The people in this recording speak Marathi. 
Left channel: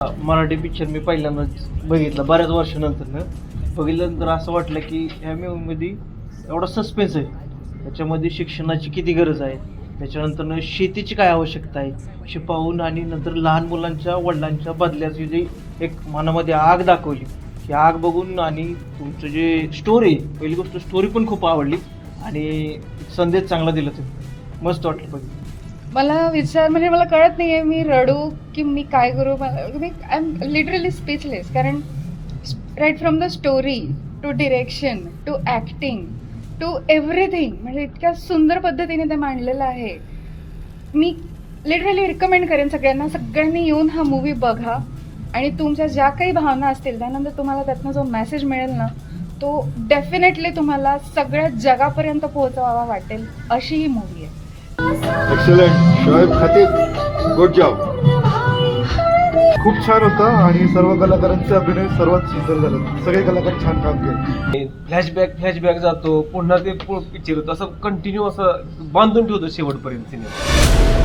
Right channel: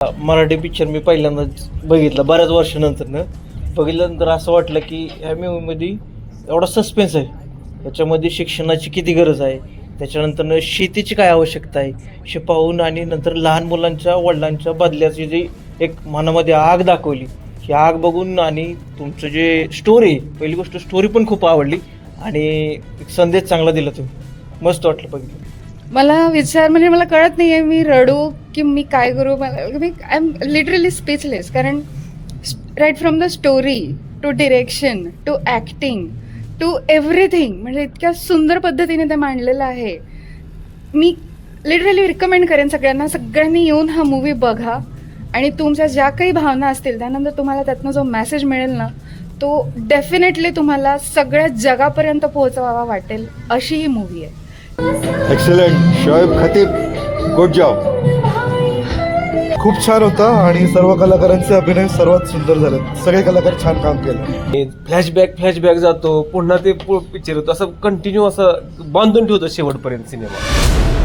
मराठी पिक्चर मी पहिल्यांदा बघितला बऱ्याच वर्षानंतर बघितल्यानंतर असं वाटलं की ह्या मूवीमध्ये एवढा सस्पेन्स आहे. त्याच्यामध्ये शिक्षणाची किती गरज आहे, त्याच्यानंतर शेतीची काय आवश्यकता आहे हे पाहून, आणि नंतर लहान मुलांच्या वडिलांच्या बदल्याची जी एक मनामध्ये आग दाखवली, ही आग बघून आणि तुमचं जे स्टोरी, पहिली गोष्ट स्टोरी पण खूप आवडली आणि एक संदेश चांगला दिला तुम्ही. मस्त वाटलं बघ. मला विचार म्हणजे मला कळत नाही आहे मी रडू की मी काय करू. मला आय एम लिटरली स्पीचलेस, कारण right from the story to direction to acting to everything, म्हणजे इतक्या सुंदर पद्धतीने ते मांडलेलं आहे. मी लिटरली रिकमेंड करेन सगळ्यांनी येऊन हा मूवी बघा आणि तुमच्या ज्या काही भावना असतील त्यानंतर तुम्हाला त्यातनं जो मेसेज मिळेल ना, तो डेफिनेटली तुम्हाला सगळ्या जगापर्यंत पोहोचवावा वाटेल अशी ही मूवी आहे. Excellent Shoaib Khatib, good job. खूप छान होता आणि सर्व कलाकारांचे अभिनय सर्वात सुंदर झाले. सगळे कलाकार छान काम केले. फ्लॅशबॅक जातो, पुन्हा ते पिक्चर होतं, असं कंटिन्यू असं बांधून ठेवतो शेवटपर्यंत सिनेमा.